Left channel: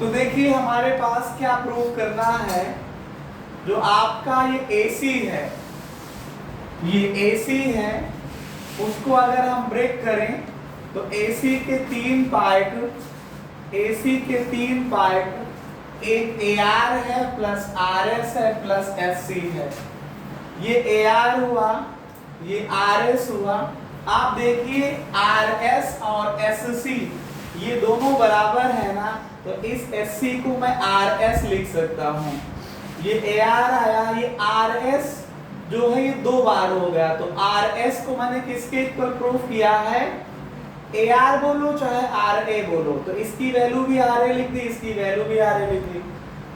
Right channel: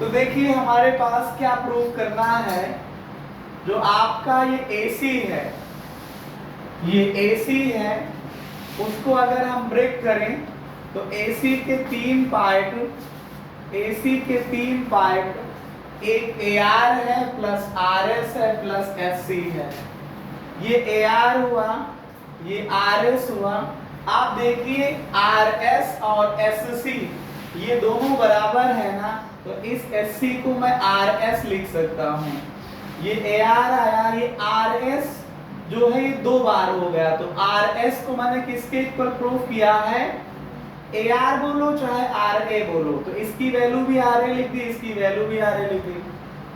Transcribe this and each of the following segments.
तो देखिए हमारे पास क्या प्रूव करना है। जो आपका ये AC है, ये AC है, उसको अगर हम ब्रेक करें तो AC के तीन पार्ट, एक AR है प्लस RS है प्लस SC है। ये AR हुआ, ये RS हुआ। आप देखिए RS और SC ये दोनों बराबर है ना, तो इस SC को मैं RS लिख सकता हूँ। ये AR आया, ये RS जो है ये दो बार हो गया, तो RS को मैंने किसके इक्वल प्रूफ किया है, AR बोलो चाहे RA बोलो, तो इसकी वैल्यू भी RA लिख दी, इसकी वैल्यू भी RA लिख दी।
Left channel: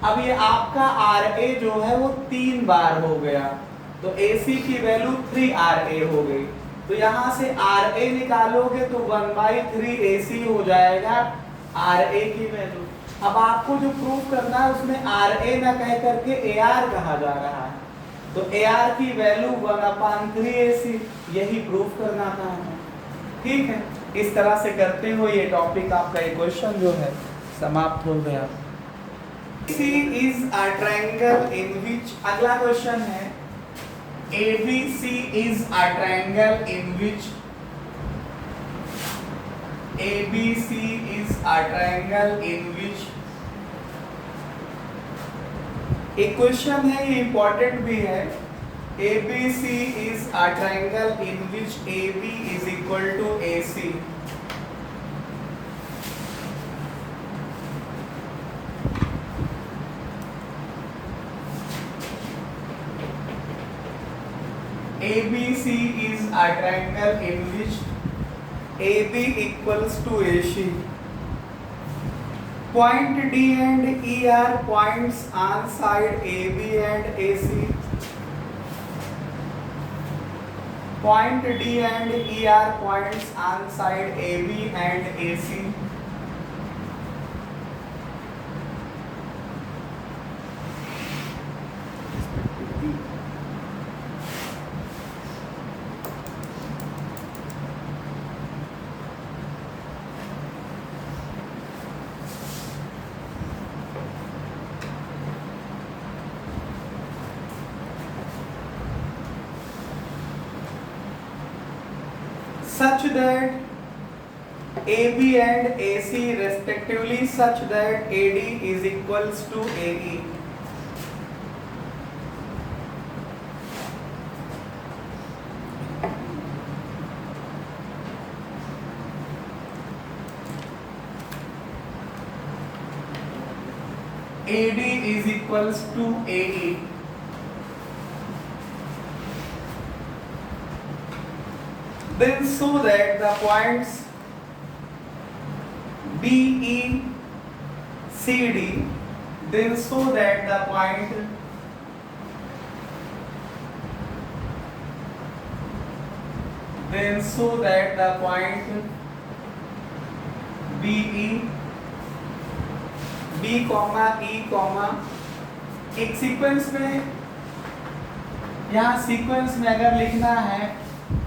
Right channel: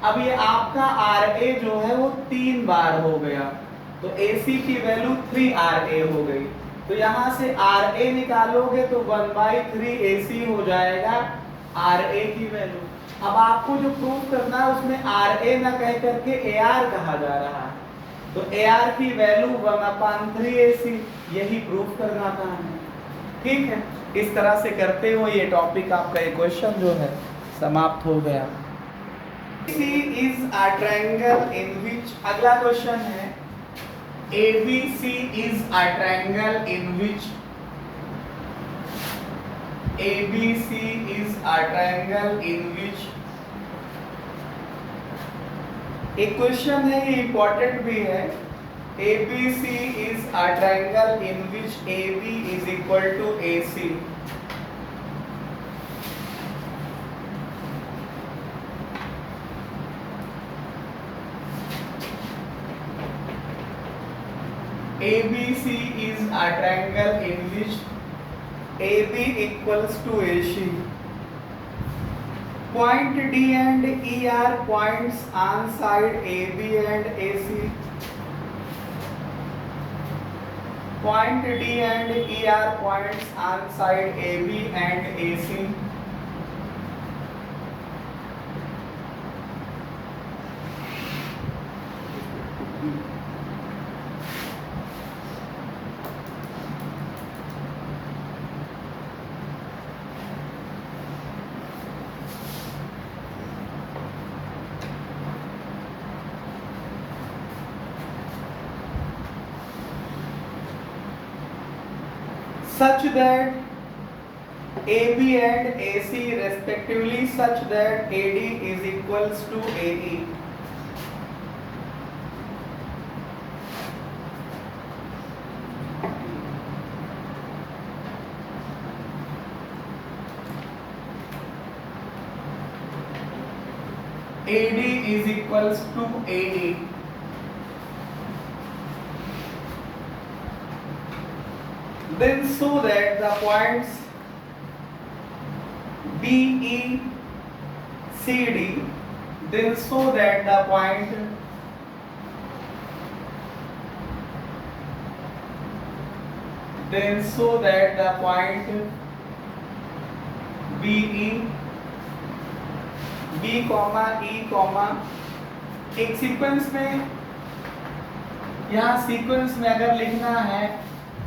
अब ये आपका RA जो है वो 3 बार हो गया, तो AC की वैल्यू 3RA हो गई। तो यहाँ से RA निकालोगे तो 1/3 AC हो जाएगा RA की वैल्यू। अब आपको जो प्रूफ करना है उसमें RA ना कह करके AR कहा जा रहा है, तो AR की वैल्यू 1/3 AC, यही प्रूफ करना था हमें। ठीक है, इस तरह से करते हो ये टॉपिक आपका ये क्वेश्चन जो है समाप्त हो गया। AC is a triangle in which, अगला क्वेश्चन है ABC is a triangle in which, ABC is a triangle in which, एक क्वेश्चन है ये इंपॉर्टेंट भी है। ABC is a triangle in which AB is equal to AC. ABC is a triangle in which AB equals to AC. Point D and E are points on side AB and AC. Point D and E are points on side AB and AC. Such that AB and AC respectively, such that AD is equals to AE. AD is equals to AE. Then so that the points BE CD, then so that the point BE B comma E comma, एक sequence में, यहाँ sequence में अगर लिखना है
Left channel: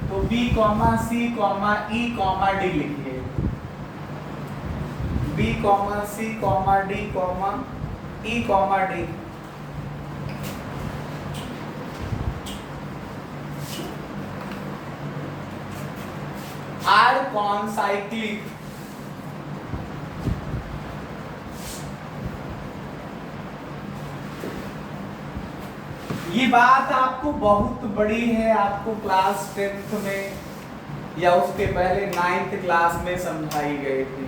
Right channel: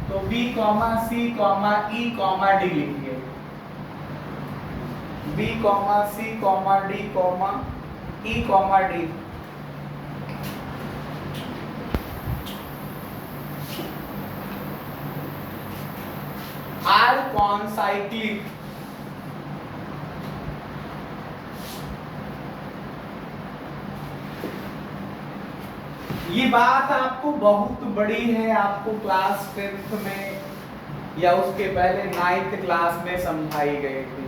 तो B comma C comma E comma D लिखिए। B comma C comma D comma E comma D। Are concyclic, ये बात आपको बहुत बड़ी है, आपको क्लास 10th में या उसके पहले 9th क्लास में समझाई गई थी।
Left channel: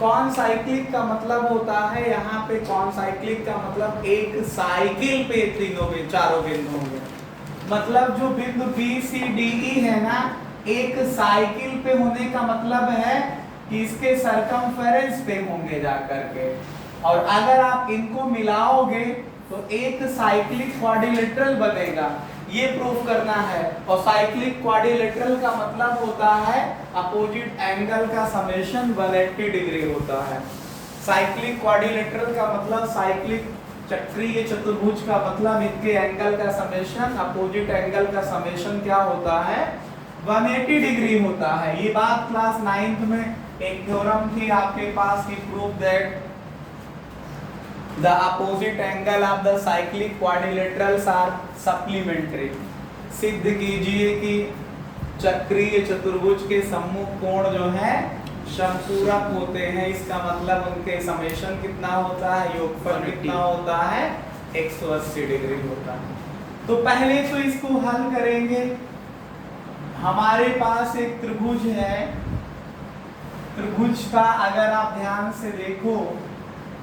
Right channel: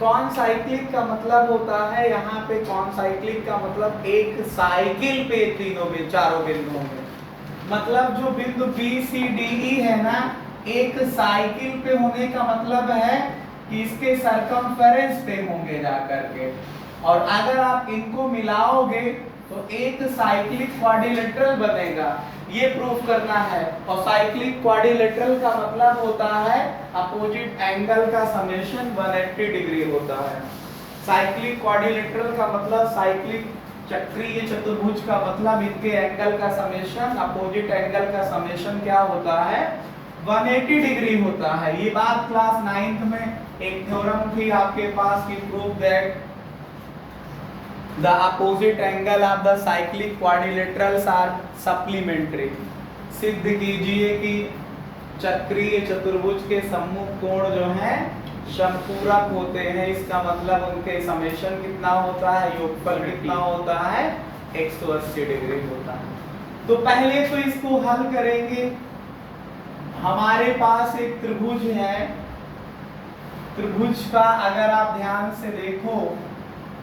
कौन साइक्लिक का मतलब होता है, यहाँ पे कौन साइक्लिक का मतलब एक साइकिल पे चारों बिंदु होंगे, मतलब जो बिंदु B C D E है ना, एक साइकिल पे होने का मतलब है कि इसके सरकमफेरेंस पे होंगे जाकर के, और अगर आप इनको मिलाओगे तो एक साइक्लिक क्वाड्रिलेटरल बनेगा, ये प्रूफ करना है। और साइक्लिक क्वाड्रिलेटरल का मतलब होता है अपोजिट एंगल का समेशन 180 डिग्री होता है। साइक्लिक क्वाड्रिलेटरल का मतलब, साइक्लिक चक्रीय चतुर्भुज का मतलब इनके एंगल का समेशन, अपोजिट एंगल का समेशन क्या होता है 180 डिग्री होता है। ये बात क्लास 9th में एक थ्योरम थी आपके पास कि prove that the opposite angle of the cyclic quadrilaterals are supplementary. सिद्ध कीजिए कि चक्रीय चतुर्भुज के सम्मुख कोण जो है समपूरक होते हैं। इसका मतलब उनके समेशन कितना होता है, योगफल कितना होता है, 180 डिग्री होता है। तो पहले तो इसको हल करेंगे। हमारे पास एक त्रिभुज है, त्रिभुज का अगर आप ध्यान से देखो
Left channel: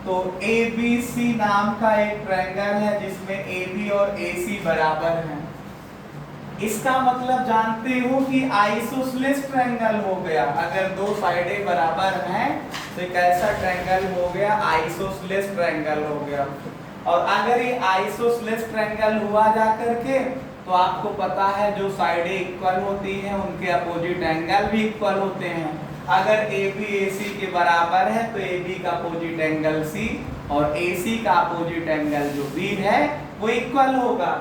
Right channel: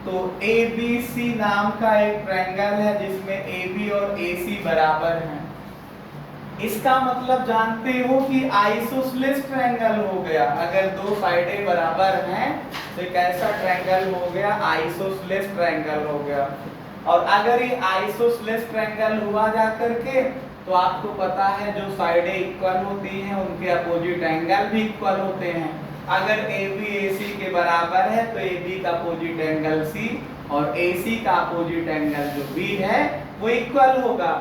तो ABC नाम का एक ट्रायंगल है जिसमें AB और AC बराबर हैं। इसका मतलब जानते हो कि आइसोसेलेस ट्रायंगल हो गया। अगर दो साइडें बराबर हैं तो एक ऐसा ट्रायंगल हो गया, आइसोसेलेस ट्रायंगल हो गया। और अगर ये आइसोसेलेस ट्रायंगल हुआ जाकर के तो आपको पता है जो साइडें इक्वल होती हैं उनके अपोजिट एंगल भी इक्वल होते हैं। अगर AB AC के बराबर है तो AB का अपोजिट एंगल C और AC का अपोजिट एंगल जो B है वो इक्वल होगा।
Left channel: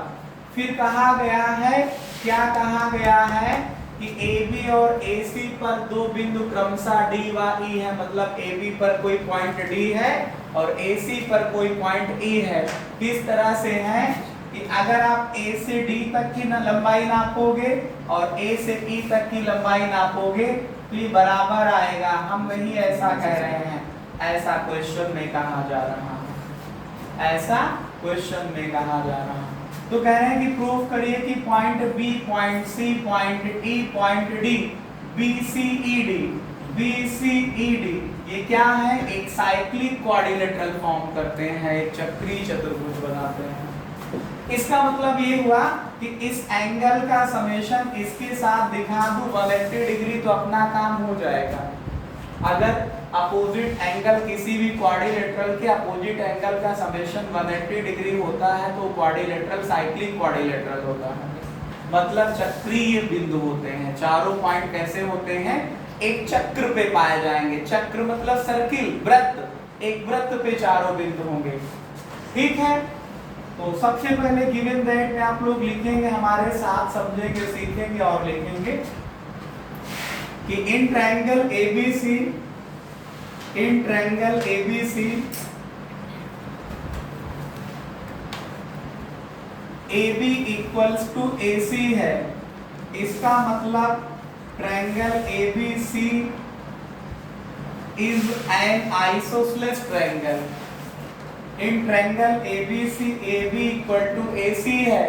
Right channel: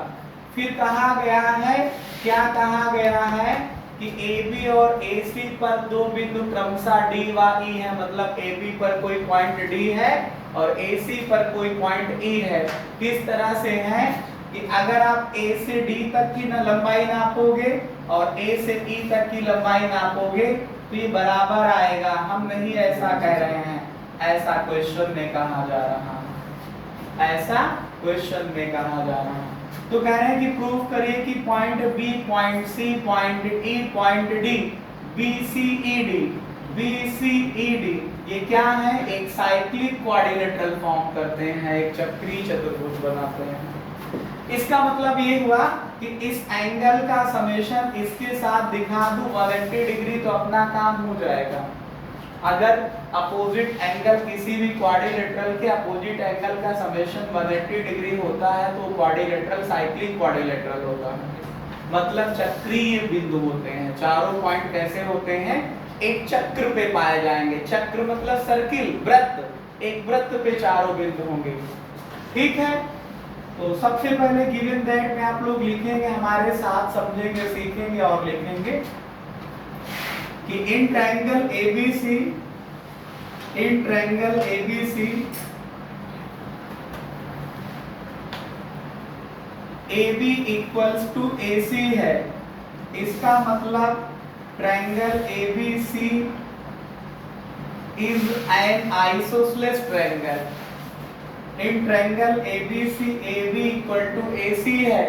फिर कहा गया है, क्या कहा गया है कि AB और AC पर दो बिंदु क्रमशः D व E है। मतलब AB पर कोई पॉइंट D है और AC पर कोई पॉइंट E है। किस तरह से है कि अगर आप A से D तक की लंबाई नापोगे और A से E तक की लंबाई नापोगे तो ये बराबर आएगा। हम नहीं ऐसा कह रहे हैं, ऐसा क्वेश्चन में कहा जा रहा है, ऐसा क्वेश्चन में कहा जा रहा है। तो कह रहे हैं कि प्रूव करिए कि point B, point C, point E, point D, BCED ये क्या है, एक साइक्लिक क्वाड्रिलेटरल फॉर्म करते हैं, एक चक्रीय चतुर्भुज बनाते हैं। इसका मतलब ये हुआ कि इस एंगल का समेशन इसके साथ दिखा दूं 180 डिग्री तो अपना काम हो जाएगा। अगर अपोजिट एंगल किसी भी क्वाड्रिलेटरल के अपोजिट एंगल का समेशन 180 डिग्री होता है तो क्वाड्रिलेटरल साइक्लिक क्वाड्रिलेटरल होता है। मतलब चक्रीय बिंदु होते हैं। चारों पॉइंट कैसे होते हैं, एक चक्र पे पाए जाएंगे। चक्र मतलब सर्किल, वृत्त। एक वृत्त पे चारों बिंदु होंगे। ठीक है, तो सबसे पहले गिवन दैट में आप लोग लिखेंगे, हमारे साथ समझेंगे, सीखेंगे और लिखेंगे कि in triangle ABC AB equals to AC है। इसका मतलब triangle ABC is an isosceles triangle. In triangle ABC AB equal to AC है।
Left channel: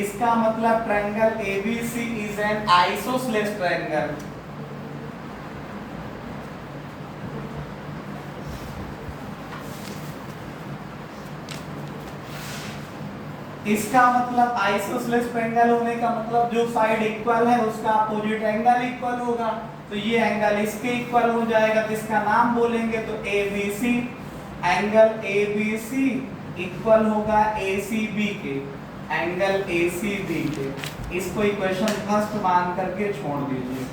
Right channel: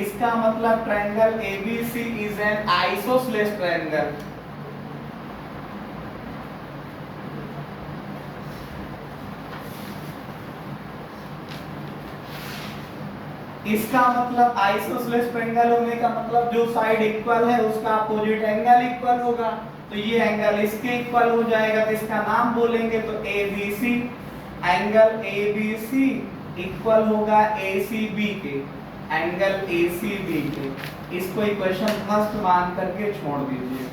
इसका मतलब triangle ABC is an isosceles triangle. इसका मतलब आइसोसेलेस ट्रायंगल होने का मतलब जो साइड इक्वल है उसका अपोजिट एंगल इक्वल होगा। तो ये एंगल इसके इक्वल हो जाएगा तो इसका नाम बोलेंगे तो ABC। एंगल ABC इक्वल होगा ACB के, एंगल ACB के। इसको इक्वेशन फर्स्ट मान करके छोड़ दीजिए।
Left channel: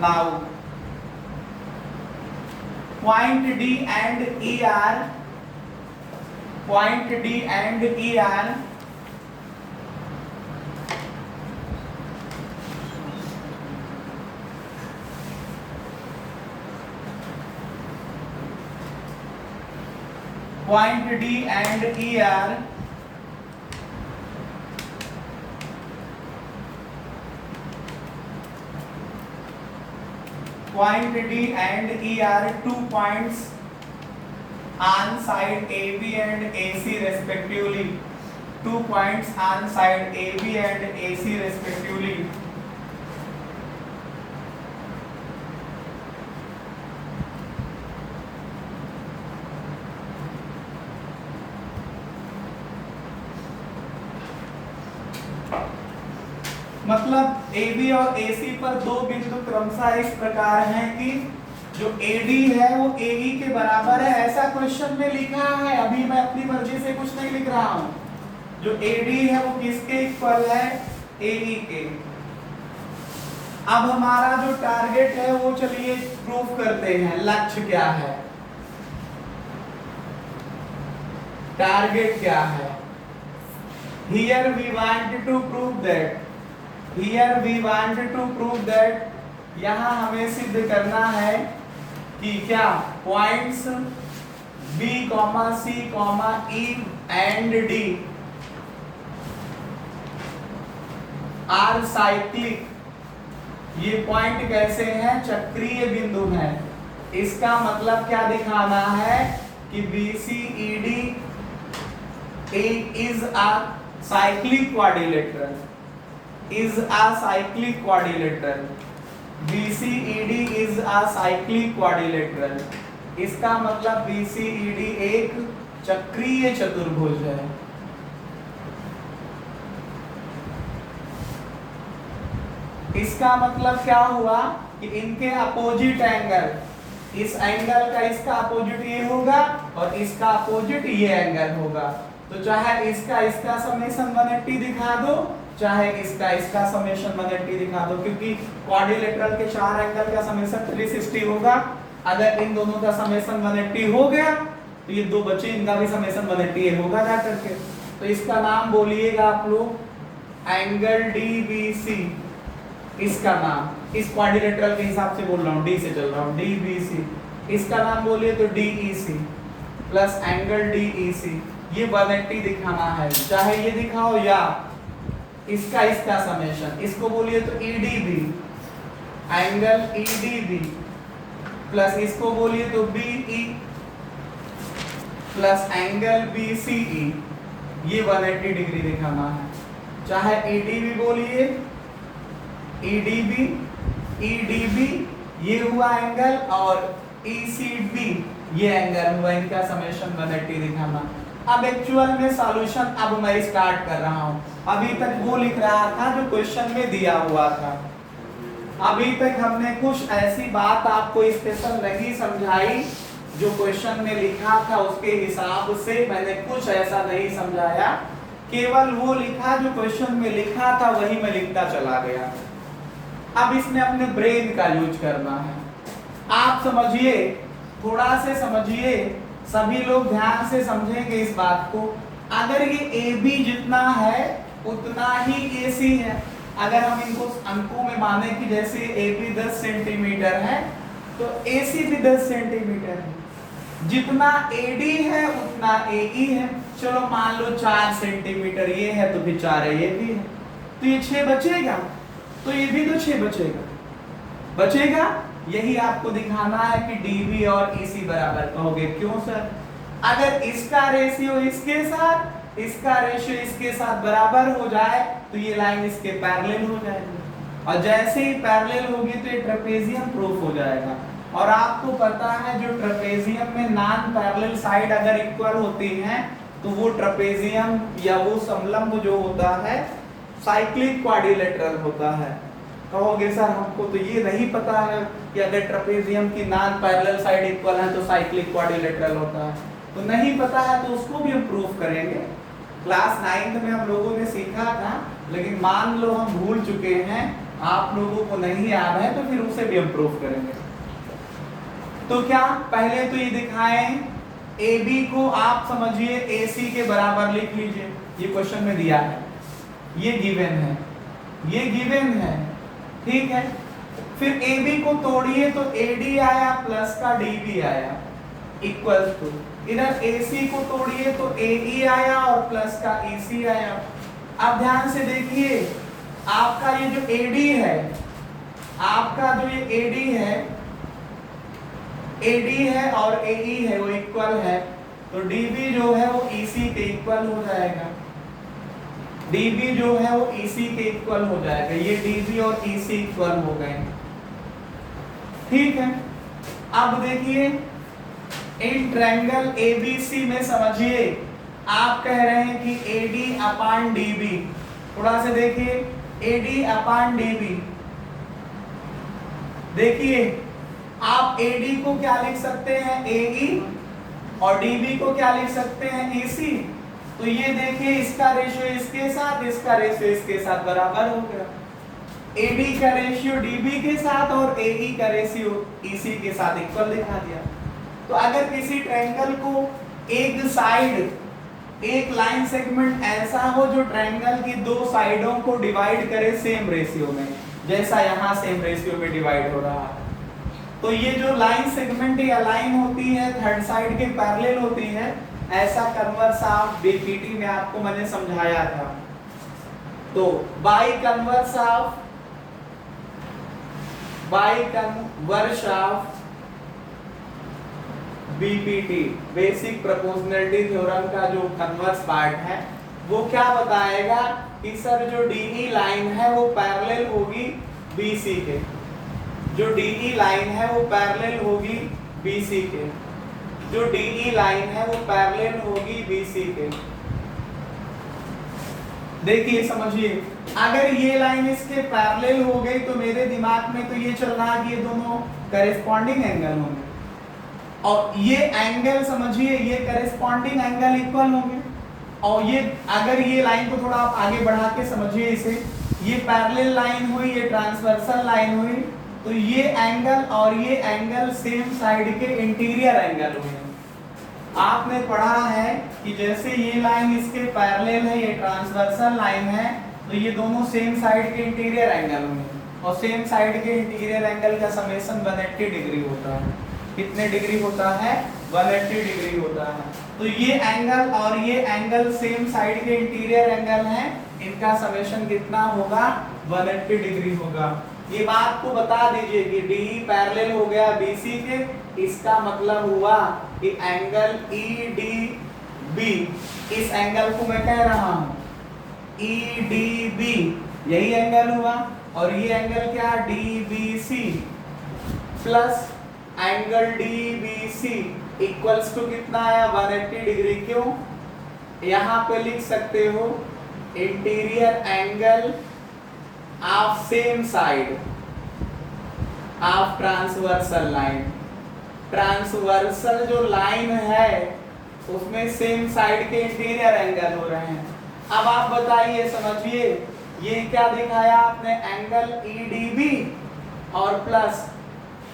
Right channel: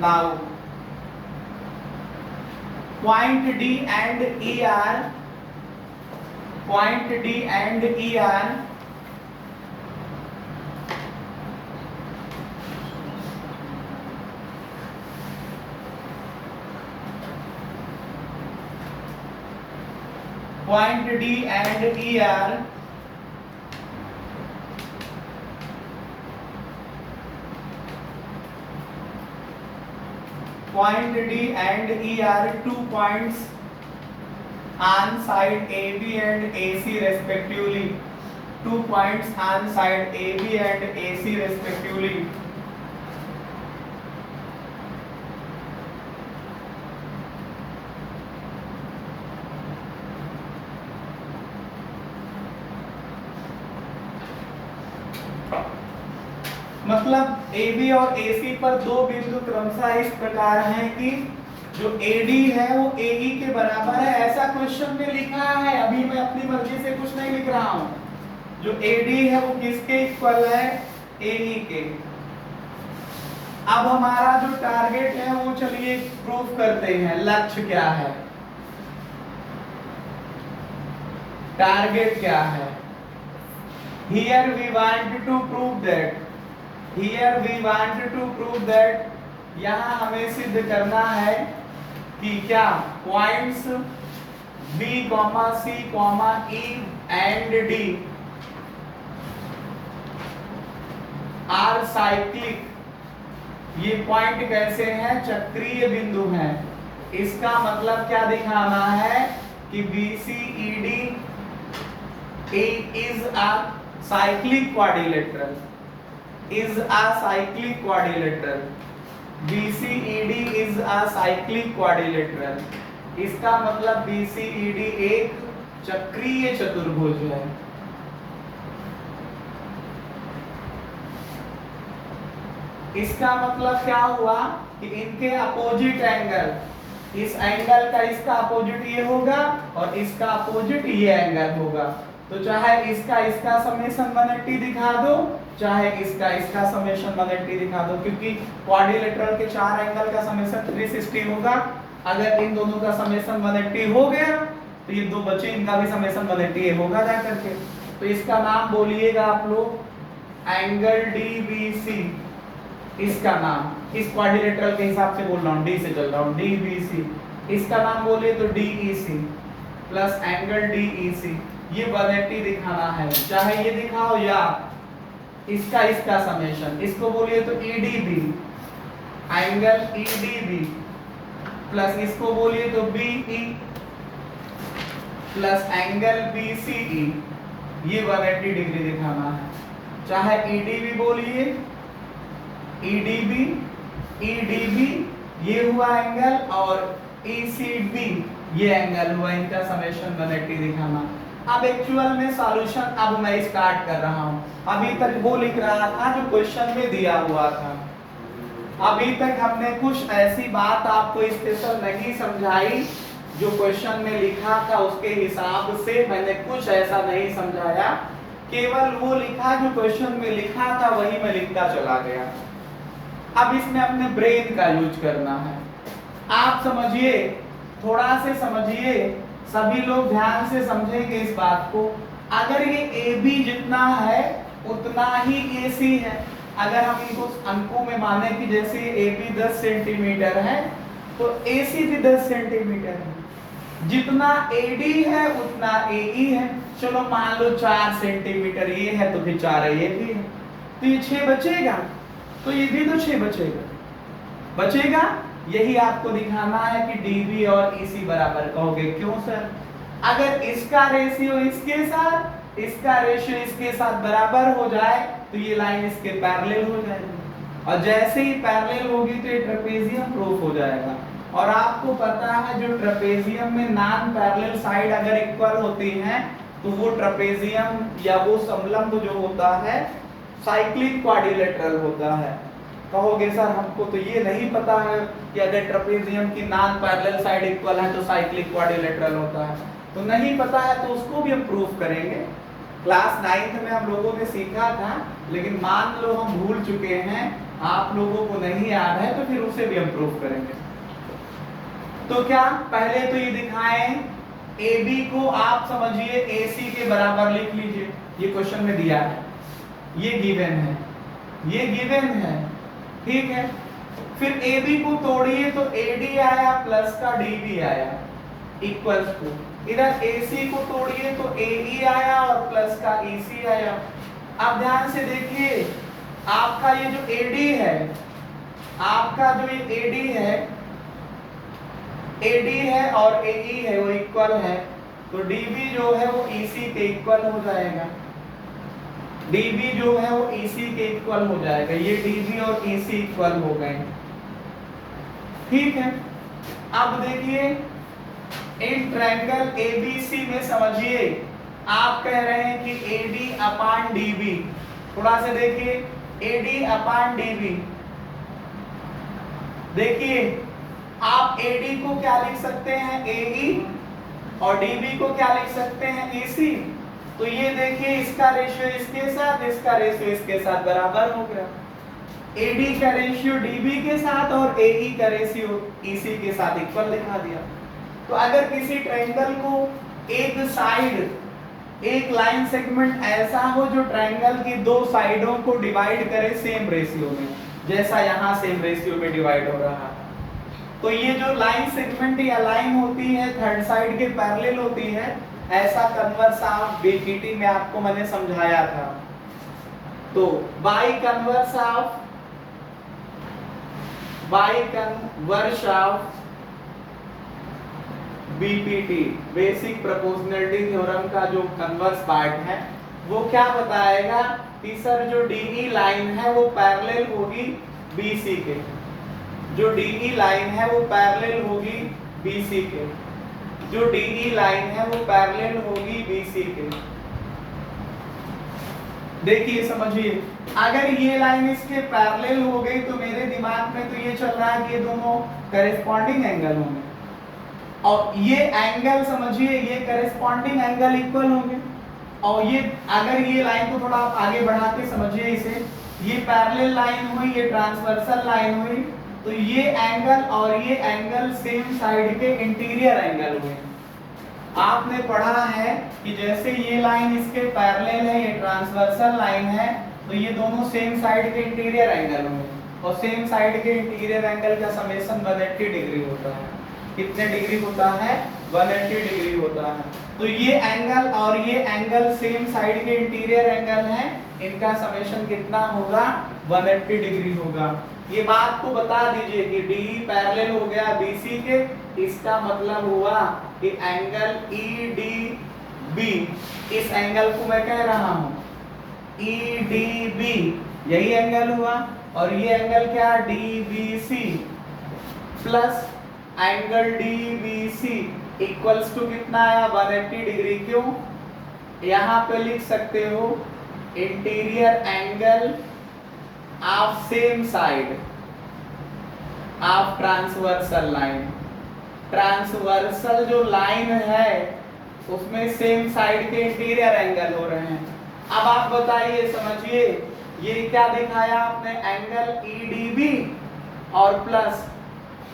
Now point D and ER, point D and ER point D and ER point D and ER 2 points on side AB and AC respectively. 2 points on side AB and AC respectively. मतलब AB और AC पर दो बिंदु क्रमशः इस प्रकार हैं कि जो AD है वो AE के बराबर है। ऐसा क्वेश्चन में लिखा है, अभी मैं अपनी मर्जी से कुछ नहीं लिख रहा हूं। जो AD है वो किसके इक्वल है, AE के। अब हमारा जो टारगेट है वो चलिए प्रूफ करते हैं। लक्ष्य क्या है, टारगेट क्या है। Here we want to prove that here we want to prove that, यहाँ हमें सिद्ध करना है कि क्या points B, C, E and D are cyclic. ये पॉइंट कैसे हैं? चक्रीय बिंदु हैं। इसका मतलब क्या दिखाना है कि BCED is a cyclic quadrilateral, is a cyclic quadrilateral, BCED is a cyclic quadrilateral। इसका मतलब BCED एक चक्रीय चतुर्भुज है। इसका मतलब क्या हुआ कि इनके अपोजिट एंगल, इस एंगल का इसका अपोजिट ये होगा और इसका अपोजिट ये एंगल होगा। तो चाहे इसका समेशन 180 दिखा दो, चाहे इसका समेशन 180 दिखा दो, क्योंकि क्वाड्रिलेटरल के चार एंगल का समेशन 360 होगा। अगर इन दोनों का समेशन 180 हो गया तो ये दो बचे, इनका भी समेशन 180 होगा जा करके। तो इसका नाम बोलिएगा आप लोग एंगल DBC। इसका नाम इस क्वाड्रिलेटरल के हिसाब से बोल रहा हूँ, डी से चल रहा हूँ, DBC। इसका नाम बोलिए तो DEC प्लस एंगल DEC। ये 180 दिखाना है, चाहे ये दिखाओ या इसका समेशन। इसको बोलिए तो EDB, एंगल EDB प्लस इसको बोलिए तो BE प्लस एंगल BCE। ये 180 डिग्री दिखाना है। चाहे EDB बोलिए, EDB ये हुआ एंगल और ECB ये एंगल हुआ, इनका समेशन 180 दिखाना। अब एक्चुअल में सॉल्यूशन अब मैं स्टार्ट कर रहा हूं। अभी तक वो लिख रहा था जो क्वेश्चन में दिया हुआ था। अभी तक हमने कुछ ऐसी बात आपको स्पेशल नहीं समझाई, जो क्वेश्चन में लिखा था उसके हिसाब से मैंने कुछ ऐसा नहीं समझाया। केवल वो लिखा जो क्वेश्चन में लिखा था वही मैं लिखता चला गया। अब इसमें अपने ब्रेन का यूज करना है। आप समझिए, थोड़ा से समझिए, सभी लोग ध्यान से समझेंगे इस बात को। अगर ये AB जितना है उतना ही AC है। अगर हम इनको अंकों में माने कि जैसे AB 10 सेंटीमीटर है तो AC भी 10 सेंटीमीटर है। जितना AD है उतना AE है। चलो मान लो 4 सेंटीमीटर ये है तो फिर 4 ये भी है, तो ये 6 बचेगा, तो ये भी तो 6 बचेगा। यही आपको दिखाना है कि DB और EC बराबर कहोगे। क्यों सर? अगर इसका रेशियो इसके साथ, इसका रेशियो इसके साथ बराबर हो जाए तो ये लाइन इसके पैरेलल हो जाएगी, और जैसे ही पैरेलल होगी तो ये ट्रेपेजियम प्रूफ हो जाएगा। और आपको पता है जो ट्रेपेजियम में नॉन पैरेलल साइड अगर इक्वल होती हैं तो वो ट्रेपेजियम या वो समलंब जो होता है साइक्लिक क्वाड्रिलेटरल होता है। कहोगे सर हमको तो ये नहीं पता है कि अगर ट्रेपेजियम की नॉन पैरेलल साइड इक्वल है तो साइक्लिक क्वाड्रिलेटरल होता है। तो नहीं पता है तो उसको भी हम प्रूफ करेंगे। क्लास 9th में हम लोगों ने सीखा था, लेकिन मान लो हम भूल चुके हैं, आप लोगों को नहीं याद है, तो फिर उसे भी हम प्रूफ करेंगे। तो क्या पहले तो ये दिखाएं, AB को आप समझिए AC के बराबर लिख लीजिए। ये क्वेश्चन में दिया है, ये गिवन है, ये गिवन है, ठीक है। फिर AB को तोड़िए तो AD आया प्लस का DB आया इक्वल टू, इधर AC को तोड़िए तो AE आया और प्लस का EC आया। अब ध्यान से देखिए, आपका ये जो AD है, आपका जो ये AD है और AE है वो इक्वल है, तो DB जो है वो EC के इक्वल हो जाएगा। DB जो है वो EC के इक्वल हो जाएगा। ये DB और EC इक्वल हो गए, ठीक है। अब देखिए इन ट्रायंगल ABC में समझिए, आप कह रहे हैं कि AD अपान DB, थोड़ा से देखिए AD अपान DB। देखिए आप AD को क्या लिख सकते हैं AE और DB को क्या लिख सकते हैं EC। तो ये देखिए इसका रेशियो इसके साथ, इसका रेशियो इसके साथ बराबर हो गया। AD का रेशियो DB के साथ और AE का रेशियो EC के साथ इक्वल दिखा दिया। तो अगर किसी ट्रायंगल को एक साइड एक लाइन सेगमेंट ऐसा हो जो ट्रायंगल की दो साइडों को डिवाइड करे सेम रेशियो में, जैसा यहाँ सेम रेशियो में डिवाइड हो रहा है। तो ये जो लाइन सेगमेंट या लाइन होती है थर्ड साइड के पैरेलल होती है, ऐसा कन्वर्स ऑफ बीपीटी में आपको मैंने समझाया था। तो by converse of BPT basic proportionality theorem का जो कन्वर्स पार्ट है वो क्या बताएगा कि सर जो डीई लाइन है वो पैरेलल होगी बीसी के, जो डीई लाइन है वो पैरेलल होगी बीसी के, जो डीई लाइन है वो पैरेलल होगी बीसी के। देखिए समझिए, अगर ये लाइन इसके पैरेलल हो गई तो मेरे दिमाग में तो ये चल रहा है कि ये दोनों करेस्पॉन्डिंग एंगल होंगे, और ये एंगल समझिए ये करेस्पॉन्डिंग एंगल इक्वल होंगे। और ये अगर ये लाइन को थोड़ा आप आगे बढ़ा के समझिए, इसे ये पैरेलल लाइन हुई, ये ट्रांसवर्सल लाइन हुई, तो ये एंगल और ये एंगल सेम साइड के इंटीरियर एंगल हुए। आपने पढ़ा है कि जैसे ये लाइन इसके पैरेलल है, ये ट्रांसवर्सल लाइन है, तो ये दोनों सेम साइड के इंटीरियर एंगल हुए, और सेम साइड के इंटीरियर एंगल का समेशन 180 डिग्री होता है। कितने डिग्री होता है? 180 डिग्री होता है। तो ये एंगल और ये एंगल सेम साइड के इंटीरियर एंगल हैं, इनका समेशन कितना होगा? 180 डिग्री होगा। ये बात को बता दीजिए कि DE पैरेलल हो गया BC के, इसका मतलब हुआ कि एंगल EDB, इस एंगल को मैं कह रहा हूं EDB, यही एंगल हुआ, और ये एंगल क्या? DBC plus angle DBC equals to कितना आया? 180 डिग्री। क्यों? यहां पे लिख सकते हो interior angle of same side of transversal line. Transversal जो लाइन है उसमें सेम साइड के इंटीरियर एंगल हो रहे हैं। अब आप बताइए, समझिए, ये क्या दिखाया आपने? एंगल EDB और प्लस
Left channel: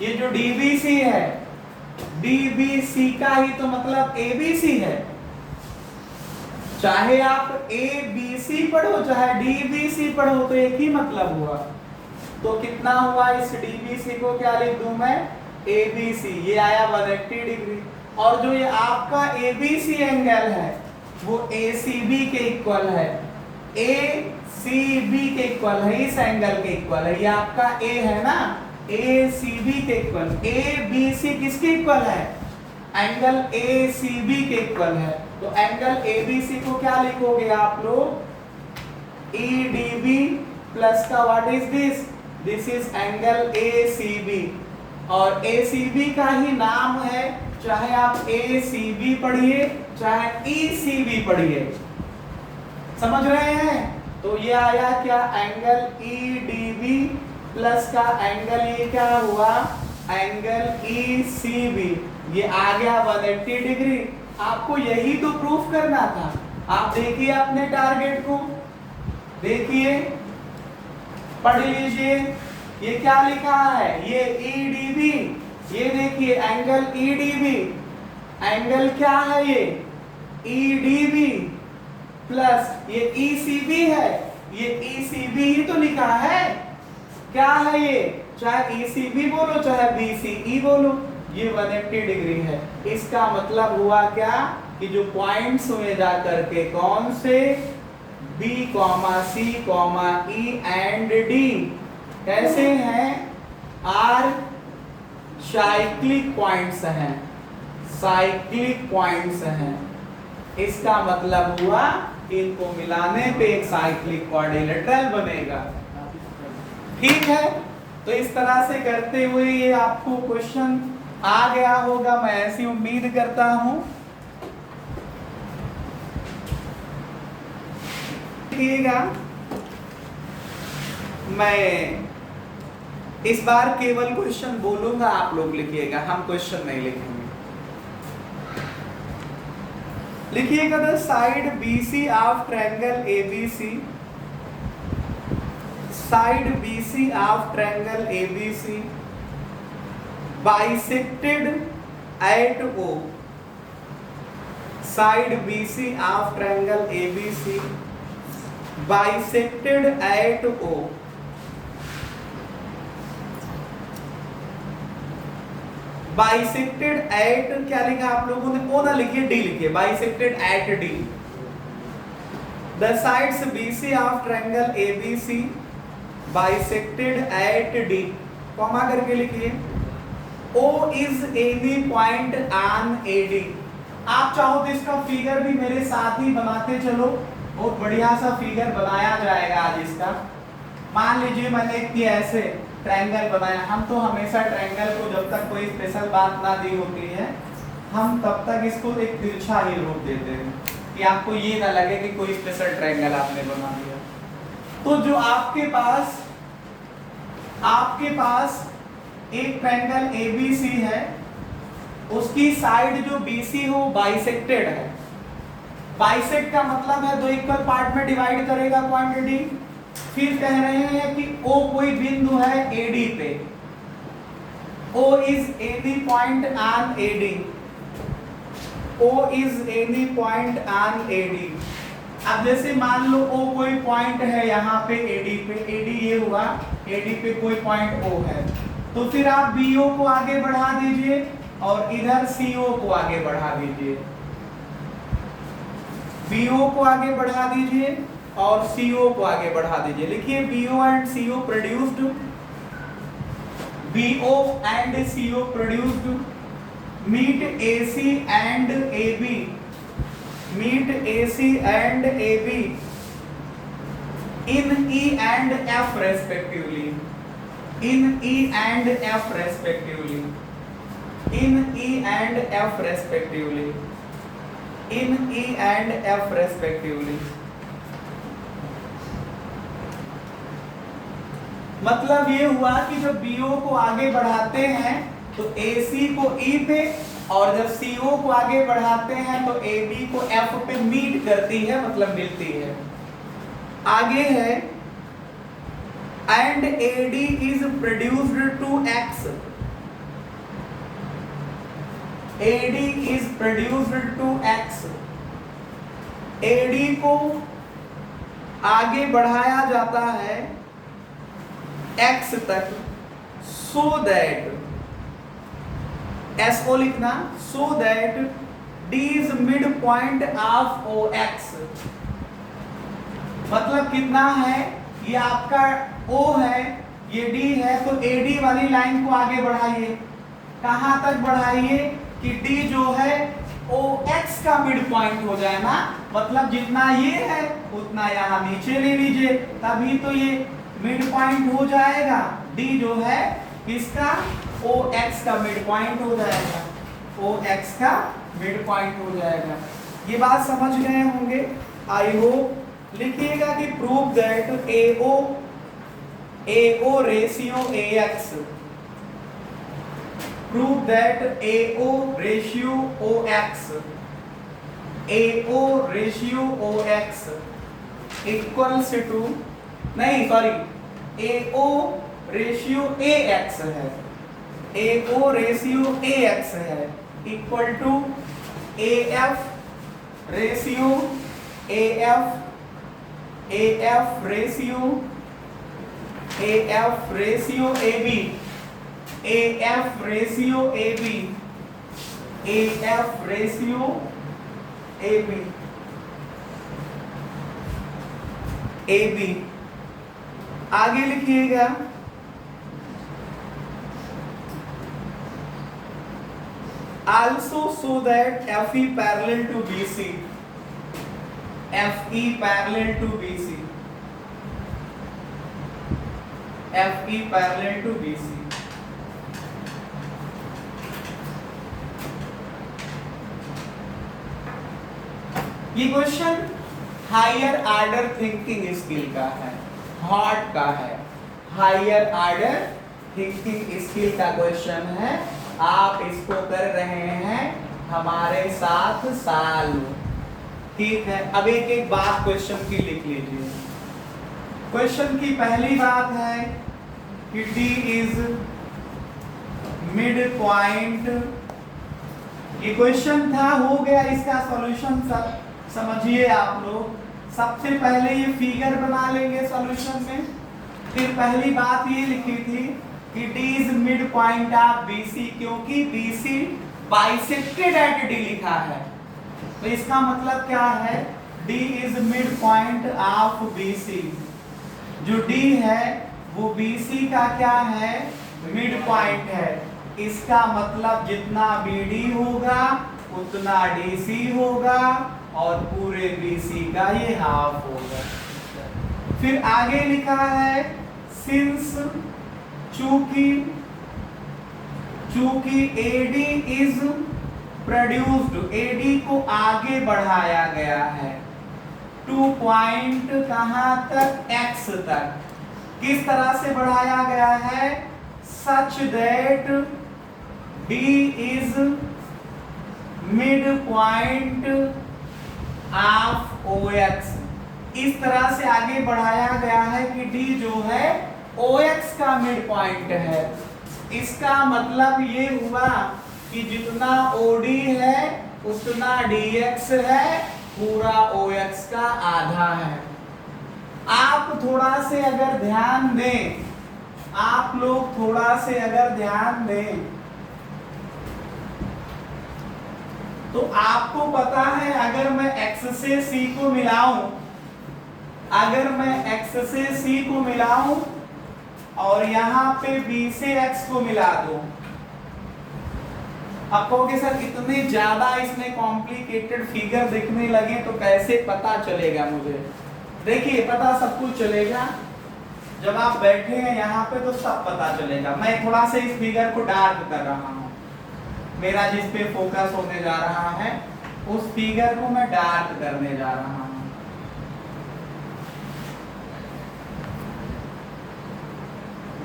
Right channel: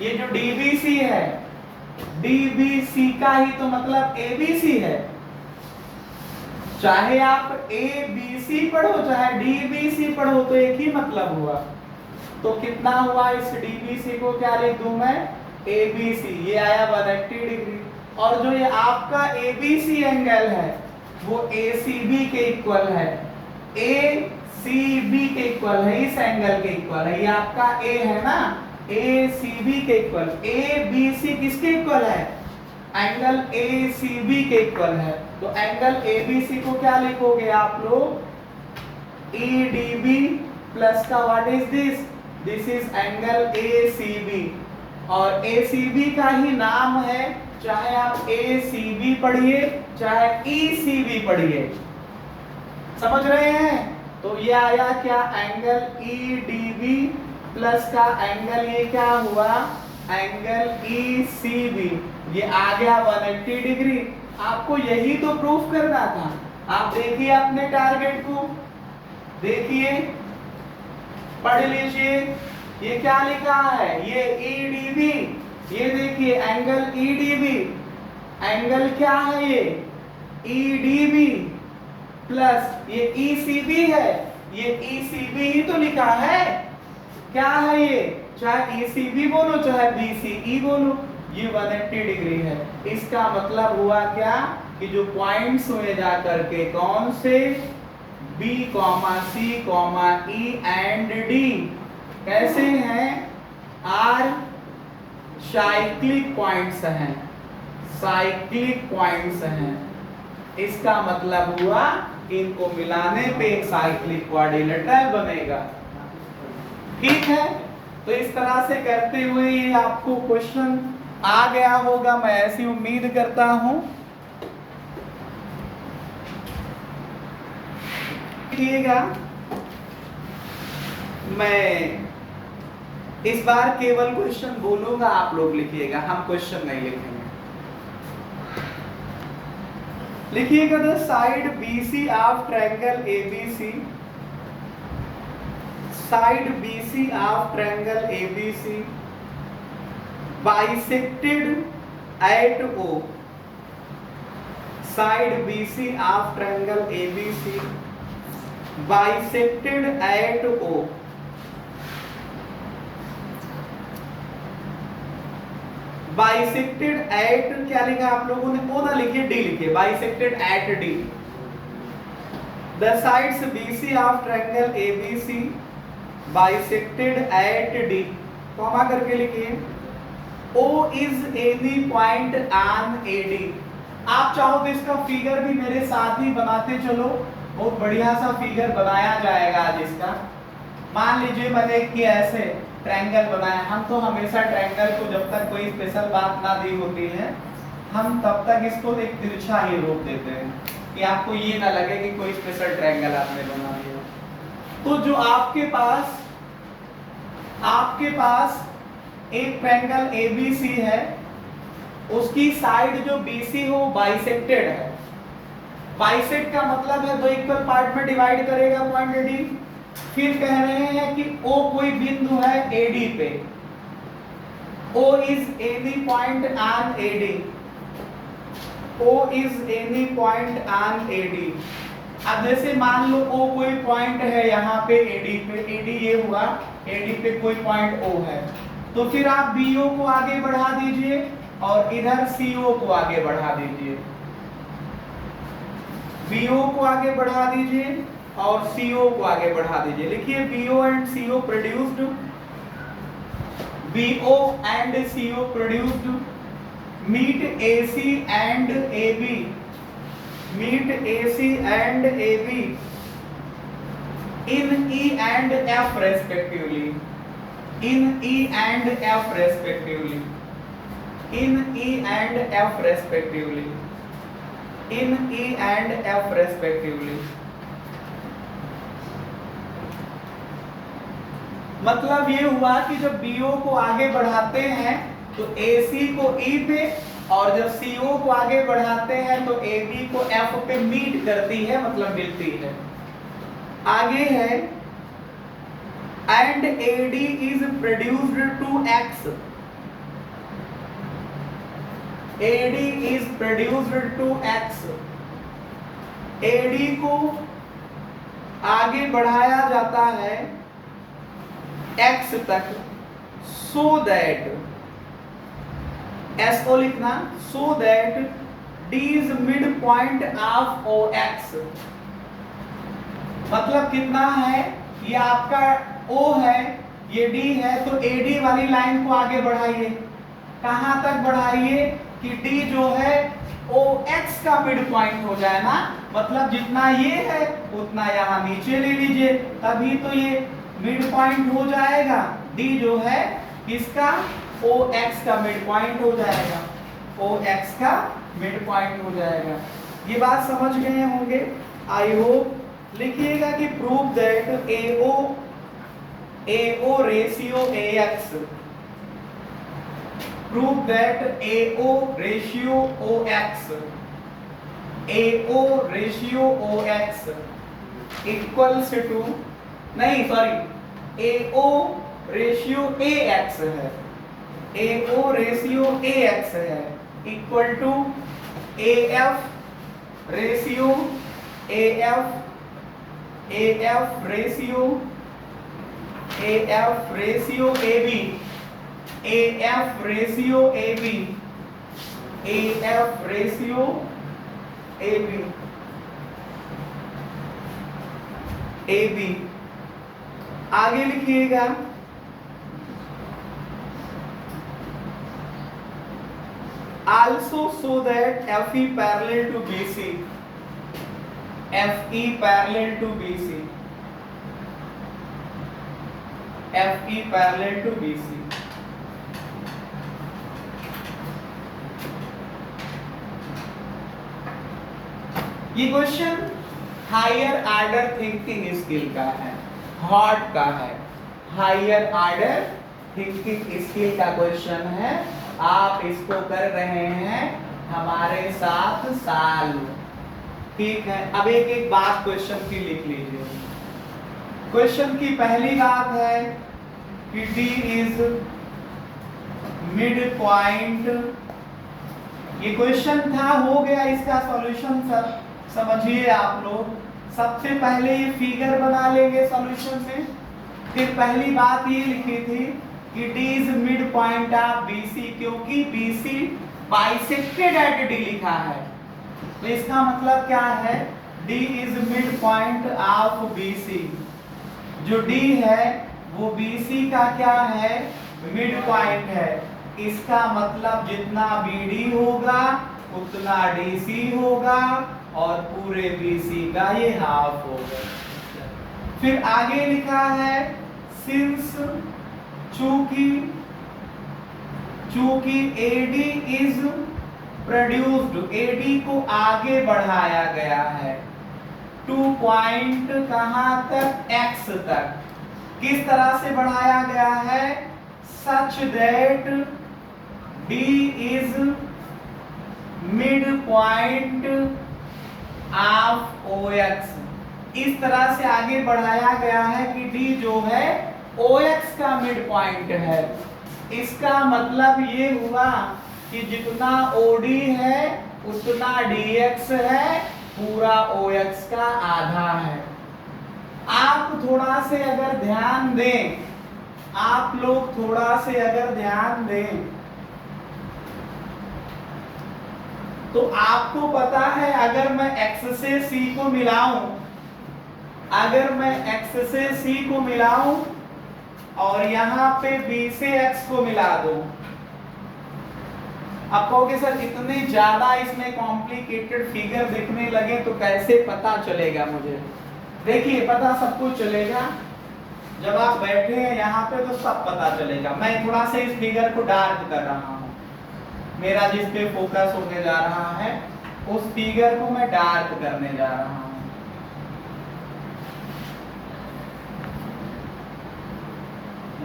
ये जो DBC है, DBC का ही तो मतलब ABC है। चाहे आप ABC पढ़ो चाहे DBC पढ़ो तो एक ही मतलब हुआ। तो कितना हुआ? इस DBC को क्या लिख दूं मैं? ABC। ये आया 180 डिग्री। और जो ये आपका ABC एंगल है वो ACB के इक्वल है, ACB के इक्वल है, इस एंगल के इक्वल है। ये आपका A है ना, ACB के इक्वल। ABC किसके इक्वल है? एंगल ACB के इक्वल है। तो एंगल ABC को क्या लिखोगे आप लोग? EDB प्लस का what is this? This is angle ACB। और ACB का ही नाम है, चाहे आप ACB पढ़िए चाहे ECB पढ़िए। समझ रहे हैं? तो ये आया क्या? एंगल EDB प्लस का एंगल ये क्या हुआ? Angle ECB। ये आ गया 180 डिग्री। आपको यही तो प्रूफ करना था। आप देखिए अपने टारगेट को, देखिए, पढ़ लीजिए, ये क्या लिखा है? ये EDB, ये देखिए एंगल EDB, एंगल क्या है? ये EDB प्लस ये ECB है, ये ECB ही तो लिखा है। क्या है ये? चाहे ECB बोलो चाहे BCE बोलो, ये 180 डिग्री है। इसका मतलब हुआ क्या कि जो पॉइंट्स हुए जा करके कौन से? B, C, E and D कैसे हैं? आर साइक्लिक पॉइंट्स हैं, साइक्लिक पॉइंट्स हैं। इसका मतलब हुआ कि इनको मिलाने पे एक साइक्लिक क्वाड्रिलेटरल बनेगा। ठीक है, तो इस तरह से करते हुए आपको क्वेश्चन आ गया होगा, मैं ऐसी उम्मीद करता हूं। लिखिएगा, मैं इस बार केवल क्वेश्चन बोलूंगा, आप लोग लिखिएगा, हम क्वेश्चन नहीं लिखेंगे। लिखिएगा the side BC of triangle ABC, side BC of triangle ABC bisected at O, side BC of triangle ABC bisected eight O। Bisected eight क्या लिखा आप लोगों ने? ओ ना लिखिए, डी लिखिए, bisected eight D. The sides BC of triangle ABC bisected eight D, comma करके लिखिए। O is any point on AD। आप चाहो तो इसका फिगर भी मेरे साथ ही बनाते चलो, बहुत बढ़िया सा फिगर बनाया जाएगा आज इसका। मान लीजिए मैंने कि ऐसे ट्रायंगल बनाया, हम तो हमेशा ट्रायंगल को जब तक कोई स्पेशल बात ना दी होती है हम तब तक इसको एक तिरछा ही रूप देते हैं कि आपको ये ना लगे कि कोई स्पेशल ट्रायंगल आपने बना लिया। तो जो आपके पास एक ट्रायंगल ABC है, उसकी साइड जो BC हो बाइसेक्टेड है। बाइसेक्ट का मतलब है दो इक्वल पार्ट में डिवाइड करेगा पॉइंट D। फिर कह रहे हैं कि O कोई बिंदु है AD पे, O is any point on AD, O is any point on AD। अब जैसे मान लो O कोई पॉइंट है यहाँ पे AD पे, AD ये हुआ, AD पे कोई पॉइंट O है, तो फिर आप BO को आगे बढ़ा दीजिए और इधर CO को आगे बढ़ा दीजिए, BO को आगे बढ़ा दीजिए और CO को आगे बढ़ा दीजिए। लिखिए BO and CO produced, BO and CO produced meet AC and AB, meet AC and AB in E and F respectively, in E and F respectively, in E and F respectively, in E and F respectively। मतलब ये हुआ कि जब BO को आगे बढ़ाते हैं तो AC को E पे, और जब CO को आगे बढ़ाते हैं तो AB को F पे मीट करती है, मतलब मिलती है। आगे है and AD is produced to X, AD is produced to X, AD को आगे बढ़ाया जाता है X तक, so that, S को लिखना, so that D is midpoint of OX। मतलब कितना है, ये आपका O है, ये D है, तो AD वाली लाइन को आगे बढ़ाइए। कहां तक बढ़ाइए कि D जो है OX का मिड पॉइंट हो जाए ना, मतलब जितना ये है उतना यहाँ नीचे ले लीजिए, तभी तो ये मिड पॉइंट हो जाएगा। D जो है इसका OX का मिड पॉइंट हो जाएगा, OX का मिड पॉइंट हो जाएगा। ये बात समझ गए होंगे आई होप। लिखिएगा कि prove that AO ratio AX, prove that AO ratio OX, AO ratio OX equals to, नहीं सॉरी, AO रेशियो AX है, AO रेशियो AX है equal to AF ratio AF, AF ratio AB, AF ratio AB, AF ratio AB, AB। आगे लिखिएगा also so that FE parallel to BC, FE parallel to BC, FE parallel to BC। ये question higher order thinking skill का है, हार्ट का है, higher order thinking skill का question है। आप इसको कर रहे हैं हमारे साथ साल, ठीक है। अब एक एक बात क्वेश्चन की लिख लीजिए। क्वेश्चन की पहली बात है कि D इज मिड पॉइंट ये क्वेश्चन था, हो गया इसका सॉल्यूशन सब समझिए आप लोग। सबसे पहले ये फिगर बना लेंगे सॉल्यूशन में। फिर पहली बात ये लिखी थी कि D is mid point of BC, क्योंकि BC बाइसेक्टेड एट D लिखा है, तो इसका मतलब क्या है, D is mid point of BC। जो D है वो BC का क्या है, मिड पॉइंट है। इसका मतलब जितना BD होगा उतना DC होगा और पूरे BC का ये हाफ होगा। फिर आगे लिखा है सिंस, चूंकि AD इज प्रोड्यूस्ड, AD को आगे बढ़ाया गया है टू पॉइंट कहां तक, X तक। किस तरह से बढ़ाया गया है, such that D is mid point of OX। इस तरह से आगे बढ़ाया गया है कि D जो है OX का मिड पॉइंट है। इसका मतलब ये हुआ कि जितना OD है उतना DX है, पूरा OX का आधा है। आप थोड़ा से अगर ध्यान दें, आप लोग थोड़ा से अगर ध्यान दें तो आपको पता है, अगर मैं X से C को मिलाऊं, अगर मैं X से C को मिलाऊं और यहां पे B से X को मिला दूं, आप कहोगे सर इतने ज्यादा इसमें कॉम्प्लिकेटेड फिगर देखने लगे तो कैसे पता चलेगा मुझे। देखिए पता सब कुछ चलेगा जब आप बैठे हैं यहाँ पे, तो सब पता चलेगा। मैं थोड़ा सा इस फिगर को डार्क कर रहा हूँ, मेरा जिस पे फोकस होने जा रहा है उस फिगर को मैं डार्क करने जा रहा हूँ।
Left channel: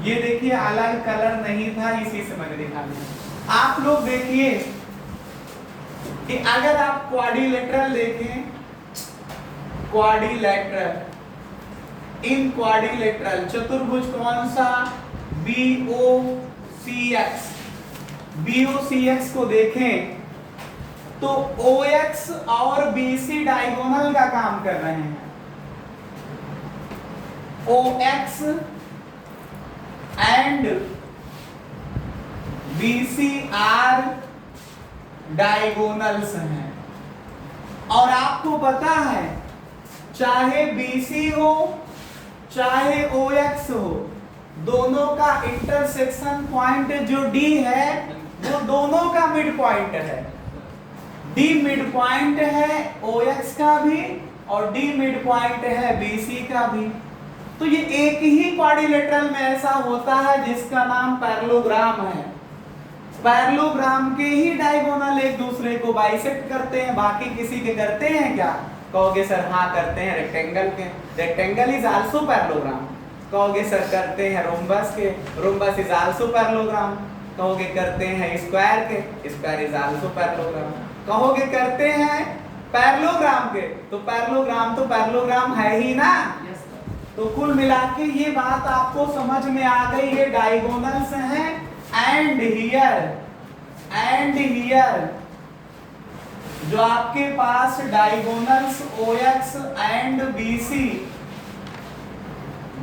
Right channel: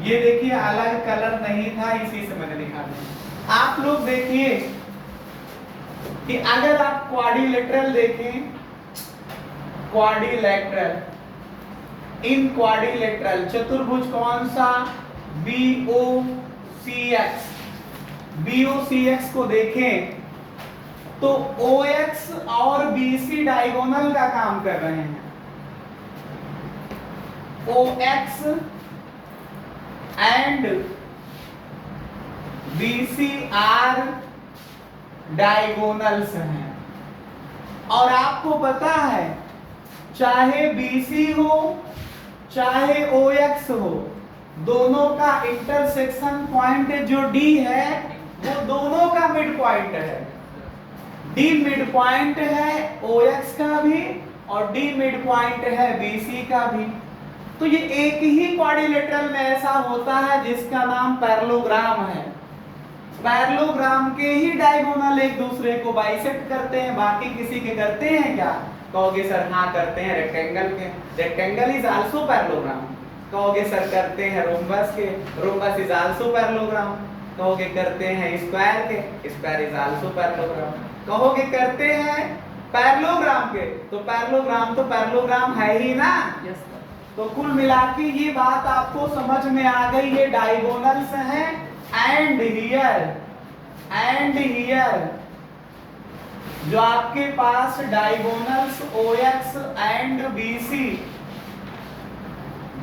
ये देखिए अलग कलर नहीं था, इसी से मैंने दिखा दिया। आप लोग देखिए कि अगर आप क्वाड्रिलेटरल देखें, क्वाड्रिलेटरल, इन क्वाड्रिलेटरल चतुर्भुज कौन सा, BOCX, BOCX को देखें तो OX और BC डायगोनल का काम कर रहे हैं। OX and BC are diagonals हैं। और आपको पता है चाहे BC हो चाहे OX हो, दोनों का इंटरसेक्शन पॉइंट जो D है वो दोनों का मिड पॉइंट है। D मिड पॉइंट है OX का भी और D मिड पॉइंट है BC का भी। तो ये एक ही क्वाड्रिलेटरल में ऐसा होता है जिसका नाम पैरेललोग्राम है। पैरेललोग्राम के ही डायगोनल एक दूसरे को बाइसेक्ट करते हैं, बाकी किसी के करते हैं क्या? कहोगे सर हाँ करते हैं रेक्टेंगल के, रेक्टेंगल इज आल्सो पैरेललोग्राम। कहोगे सर करते हैं रोम्बस के, रोम्बस इज आल्सो पैरेललोग्राम। कहोगे करते हैं स्क्वायर के, स्क्वायर इज आल्सो पैरेललोग्राम। कहोगे करते हैं पैरेललोग्राम के, तो पैरेललोग्राम है ही ना। तो कुल मिला के ये बात आपको समझ में आ गई, ये डायगोनल्स हैं। एंड हियर जो आपके पास diagonals OX and BC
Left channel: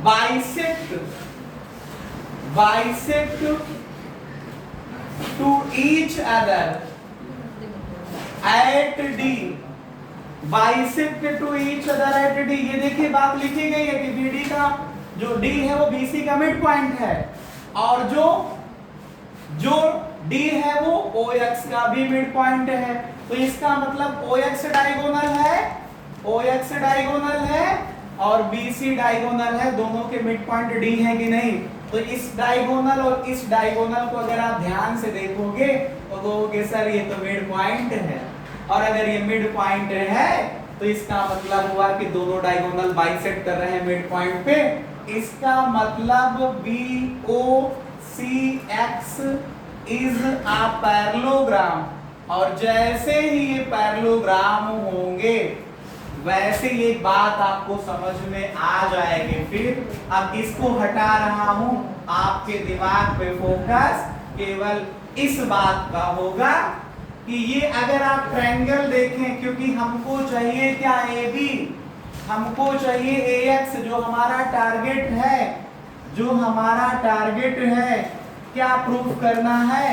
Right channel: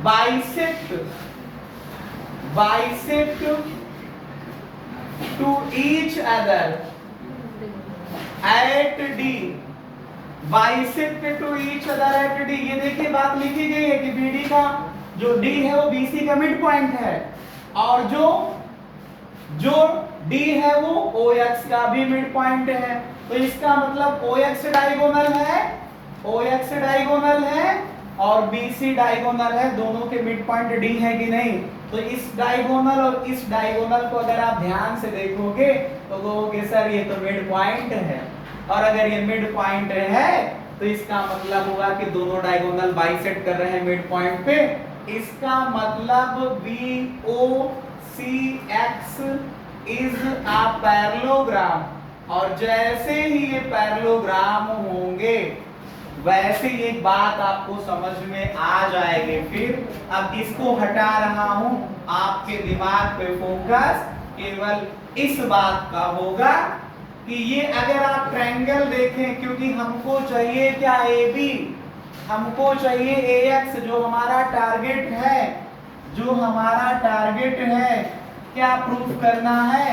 bisect to each other at D, bisect to each other at D। ये देखिए बात लिखी गई है कि BD का जो D है वो BC का मिड पॉइंट है, और जो D है वो OX का भी मिड पॉइंट है। तो इसका मतलब OX डायगोनल है और BC डायगोनल है, दोनों के मिड पॉइंट D है कि नहीं। तो इस डायगोनल और इस डायगोनल को अगर आप ध्यान से देखोगे तो कहोगे सर ये तो मिड पॉइंट है, और अगर ये मिड पॉइंट है तो इसका मतलब हुआ कि दोनों डायगोनल बाइसेक्ट कर रहे हैं मिड पॉइंट पे। इसका मतलब BOCX इज अ पैरेललोग्राम, और जैसे ही ये पैरेललोग्राम होंगे वैसे ही एक बात आपको समझ में आ जाएगी। फिर अब इसको हटा रहा हूं, आपके दिमाग पे फोकस केवल इस बात का होगा कि ये अगर आप ट्रायंगल देखें, क्योंकि हमको चाहिए क्या, ए बी, हमको चाहिए ए एक्स, जो हमारा टारगेट है, जो हमारा टारगेट है, क्या प्रूफ करना है,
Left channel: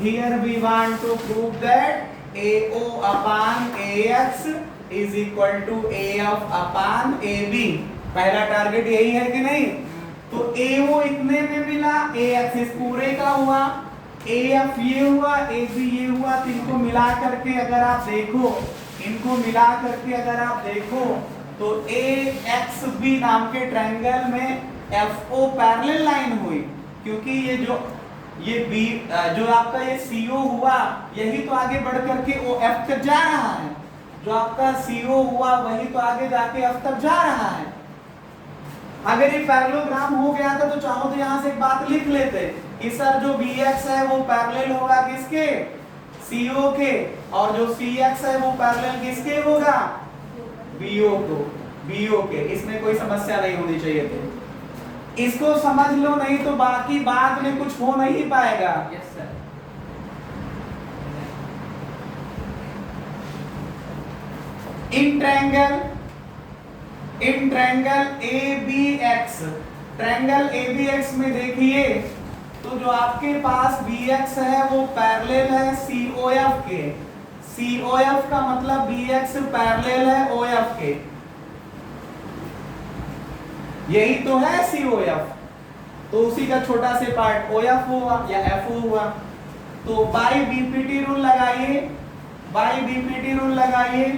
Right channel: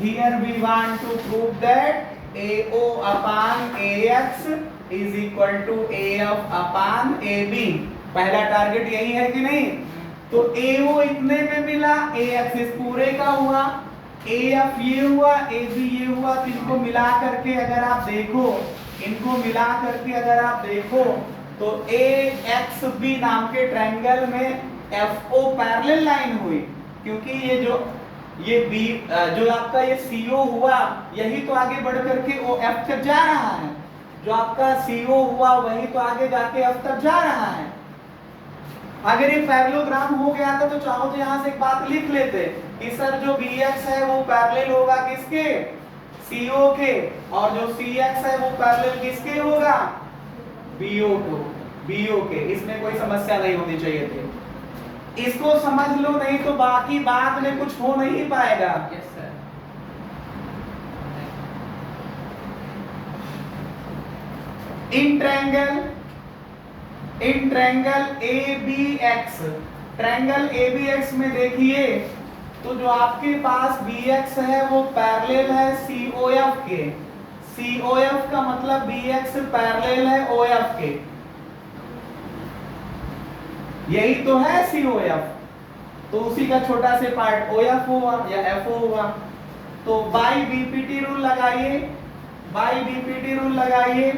here we want to prove that A O upon A X is equal to A F upon A B. पहला टारगेट यही है कि नहीं? तो ए ओ इतने में मिला, ए एक्स इस पूरे का हुआ, ए एफ ये हुआ, ए बी ये हुआ। तो इनको मिला करके अगर आप देखो, इनको मिला करके अगर आप देखो तो ए एक्स बी नाम के ट्रायंगल में एफ ओ पैरेलल लाइन हुई, क्योंकि ये बी जो आपका ये सी ओ हुआ, यही तो आगे बढ़ करके ओ एफ तक जा रहा है। जो आपका सी ओ हुआ वही तो आगे जाके एफ तक जा रहा है। अगर ये पैरेललोग्राम हो गया था तो चाहो तो यहाँ से एक बात लिख लेते कि सर जो बी एक्स है वो पैरेलल होगा किसके, सी ओ के, और जो सी एक्स है वो पैरेलल किसके होगा, बी ओ को, बी ओ के। इसमें कोई समस्या नहीं होनी चाहिए थी। इसको समझ लो, नहीं तो बाकी बाद में कुछ हो नहीं पाएगा। Yes sir. In triangle A B X, triangle A B X में देखिए तो जो आपके पास बी एक्स है वो पैरेलल है सी ओ एफ के। सी ओ एफ का मतलब बी एक्स पैरेलल है ओ एफ के, यही तो है सी ओ एफ। तो उसी का छोटा से पार्ट ओ एफ हुआ या एफ ओ हुआ। तो बाई बीपीटी रूल लगाइए, बाई बीपीटी रूल लगाइए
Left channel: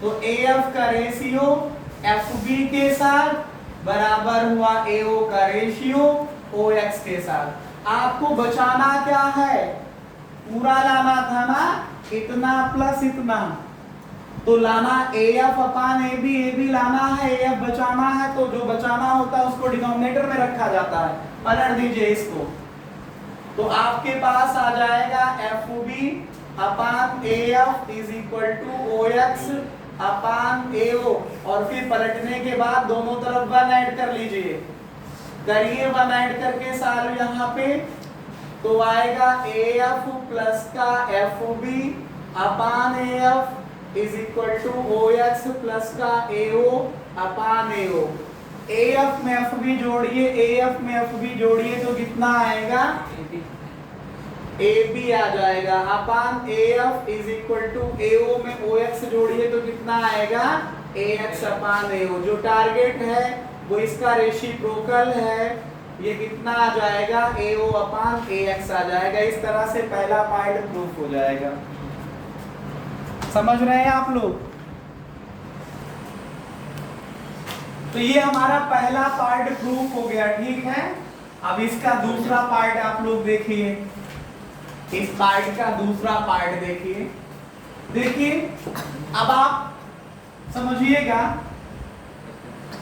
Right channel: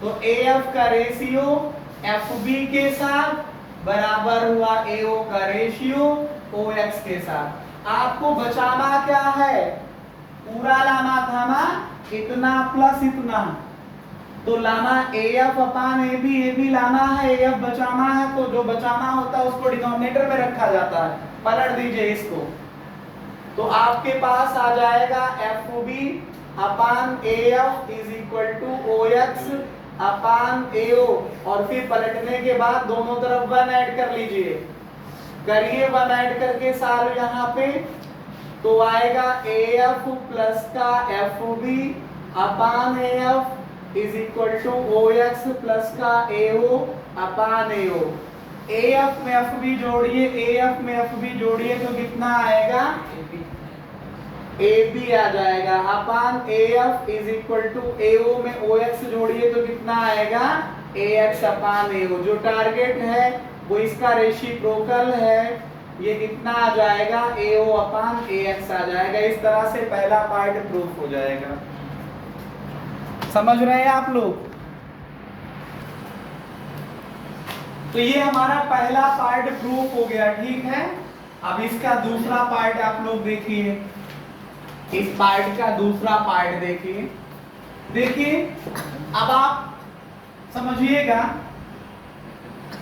तो ए एफ का रेशियो एफ बी के साथ बराबर हुआ ए ओ का रेशियो ओ एक्स के साथ। आपको बचाना क्या है, पूरा लाना था ना, इतना प्लस इतना, तो लाना ए एफ अपान ए बी लाना है, ए एफ बचाना है, तो जो बचाना होता है उसको डिनोमिनेटर में रखा जाता है। पलट दीजिए इसको, तो आपके पास आ जाएगा F B upon A F is equal to O X upon A O, और फिर पलटने के बाद दोनों तरफ 1 ऐड कर लीजिए, करिए 1 ऐड करके साल यहाँ पे, तो आएगा ए एफ प्लस का F B upon A F is equal to O X plus का A O upon A O. A F में एफ बी जोड़िए, ए एफ में एफ बी जोड़िए तो कितना आएगा, ए बी आ जाएगा upon A F is equal to A O में ओ एक्स जोड़िए तो कितना आएगा, ए एक्स अपान ए ओ। जो टारगेट है वो इसका रेसिप्रोकल है, ये कितना आ जाएगा, ए ओ अपान ए एक्स आ जाएगा। इस तरह से पहला पार्ट प्रूफ हो जाएगा। समझ रहे हैं आप लोग? तो ये हमारा पहला पार्ट प्रूफ हो गया, ठीक है। अब इसका दूसरा पार्ट आप लोग देखिए, इस पार्ट का दूसरा पार्ट देखिए। देखिए अब आप समझिएगा,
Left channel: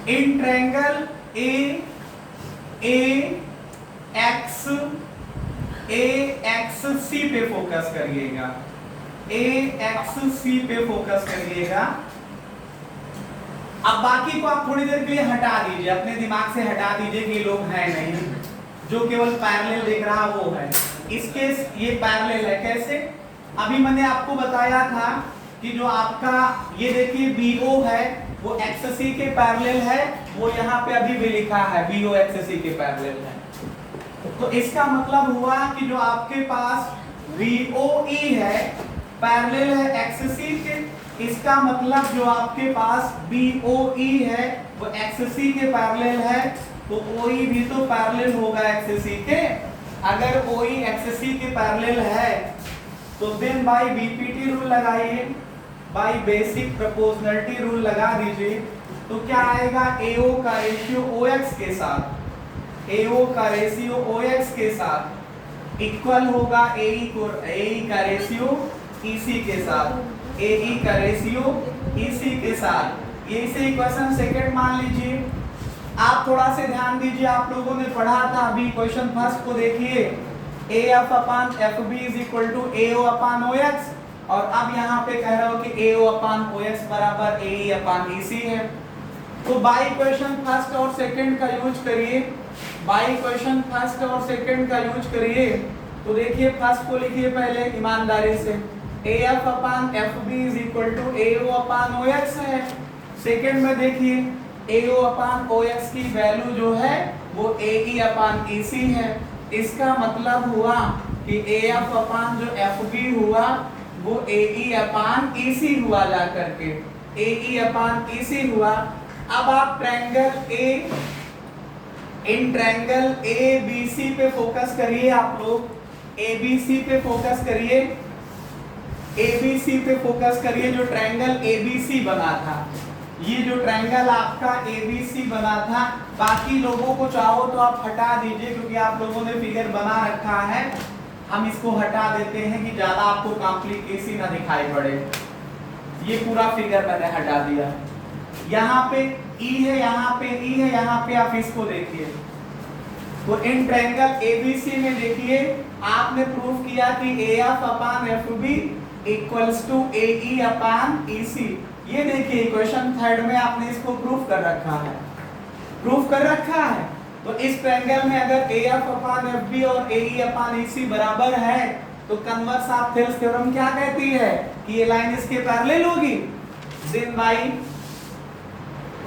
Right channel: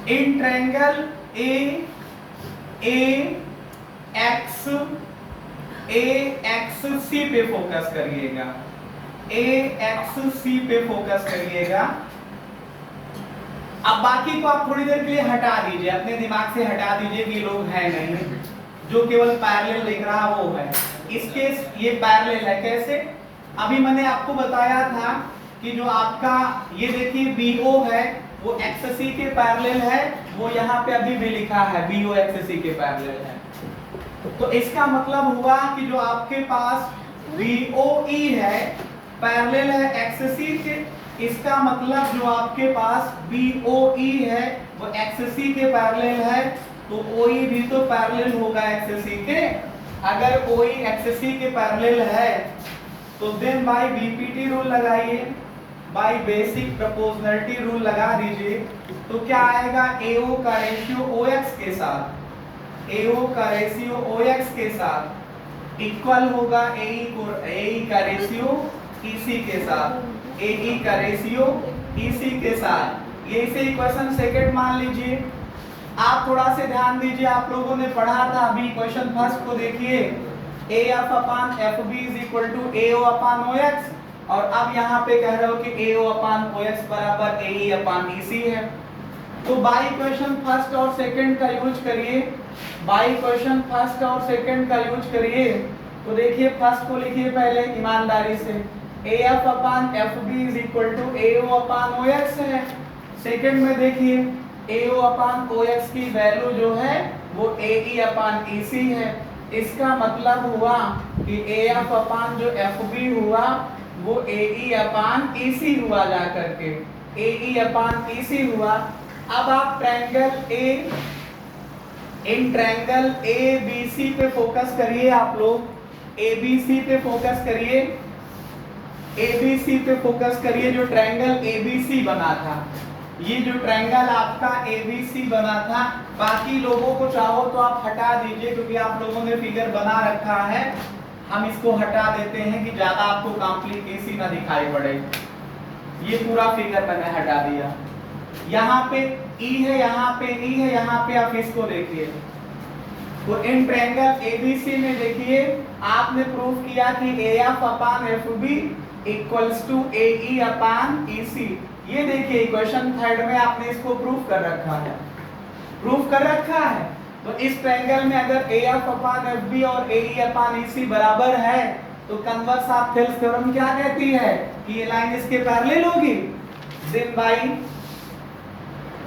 इन ट्रायंगल ए एक्स सी पे फोकस करिएगा, ए एक्स सी पे फोकस करिएगा। अब बाकी को आप थोड़ी देर के लिए हटा दीजिए, अपने दिमाग से हटा दीजिए कि ये लोग हैं नहीं, जो केवल पैरेलल दिख रहा वो है। इसके ये पैरेलल है, कैसे? अभी मैंने आपको बताया था कि जो आपका ये देखिए BO है वो XC के पैरेलल है, वो यहाँ पे अभी भी लिखा है BO XC के पैरेलल है। तो इसका मतलब हुआ कि जो आपके पास BOE है पैरेलल है XC के, इसका मतलब जो आपके पास BOE है वो XC के पैरेलल है, तो OE भी तो पैरेलल होगा XC के। अगर OE XC के पैरेलल है तो देन बाय बीपीटी रूल लगाइए, बाय बेसिक प्रोपोर्शनलिटी रूल लगा दीजिए, तो क्या आएगा, AO का रेशियो OX के साथ, AO का रेशियो OX के साथ इक्वल होगा AE का रेशियो EC के साथ, AE का रेशियो EC के साथ। ये इसे इक्वेशन सेकंड मान लीजिए। आप थोड़ा से ध्यान दीजिए, आप लोगों ने पढ़ा था अभी क्वेश्चन फर्स्ट को देखिए, AF upon FB is equal to AO upon OX, और अब यहाँ पे कह रहे हो कि AO अपान OX बराबर AE अपान EC है। तो बाई इक्वेशन फर्स्ट और सेकंड का यूज करिए, बाई इक्वेशन फर्स्ट और सेकंड का यूज करिए। तो देखिए फर्स्ट को लिखिए पहले ईमानदारी से, AF upon FB is equal to AO upon OX है। सेकंड में देखिए AO अपान OX की वैल्यू जो है वो AE अपान EC है। इसका मतलब हुआ कि AF अपान जो FB हुआ वो AE अपान EC हुआ जा करके, AE अपान EC हुआ। अब आप ट्रायंगल इन ट्रायंगल ABC पे फोकस करिए, आप लोग ABC पे फोकस करिए, ABC पे फोकस करिए। जो ट्रायंगल ABC बना था, ये जो ट्रायंगल आपका ABC बना था, बाकी लोगों को चाहो तो आप हटा दीजिए क्योंकि आप लोगों ने फिगर बना रखा है। हम इसको हटा देते हैं कि ज्यादा आपको कॉम्प्लिकेसी ना दिखाई पड़े। ये पूरा फिगर मैंने हटा दिया। यहाँ पे E है, यहाँ पे E है, यहाँ पे आप इसको देखिए। तो इन ट्रायंगल ABC में देखिए आपने प्रूफ किया कि AF upon FB equals to AE upon EC। ये देखिए क्वेश्चन थर्ड में आपने इसको प्रूफ कर रखा है, प्रूफ कर रखा है। तो इस ट्रायंगल में अगर AF अपान FB और AE अपान EC बराबर है तो कन्वर्स ऑफ थेल्स थ्योरम क्या कहती है कि ये लाइन इसके पैरेलल होगी।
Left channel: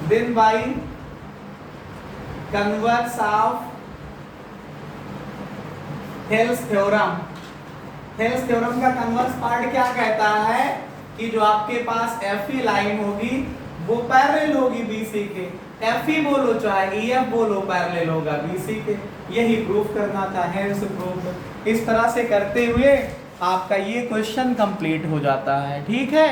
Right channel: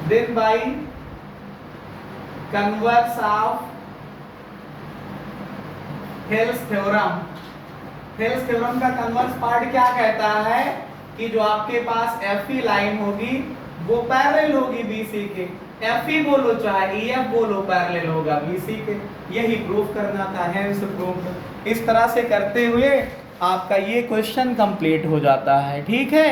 Then by converse of Thales theorem, Thales theorem का कन्वर्स पार्ट क्या कहता है कि जो आपके पास FE लाइन होगी वो पैरेलल होगी BC के। FE बोलो चाहे EF बोलो, पैरेलल होगा BC के। यही प्रूफ करना था, हेंस प्रूफ। इस तरह से करते हुए आपका ये क्वेश्चन कंप्लीट हो जाता है। ठीक है।